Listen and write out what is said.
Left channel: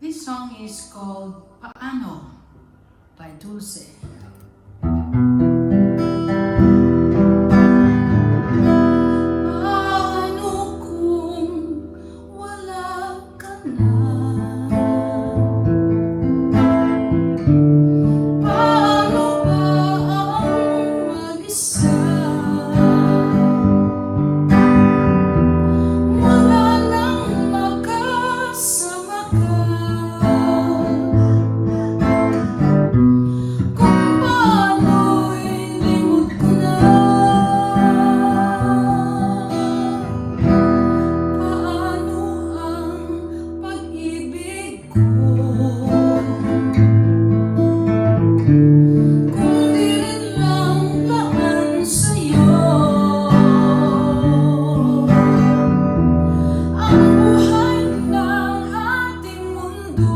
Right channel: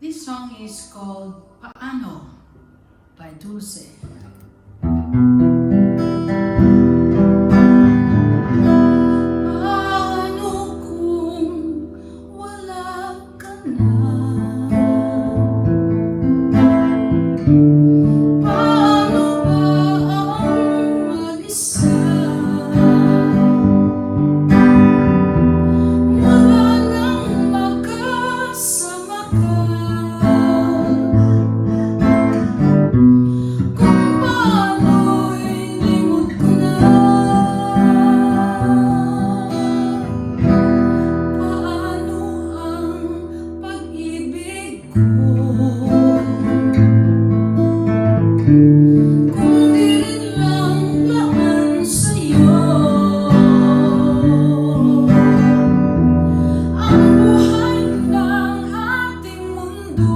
This song is called Paano by Dulce. Paano kung wala ka na? Paano ba ang mag-isa? Wala nang makasama ka. Kung paano'y limot ko na. Paano ang pag-ibig ko? Kung di rin lang laman sa'yo. Ang buhay ng ating mundo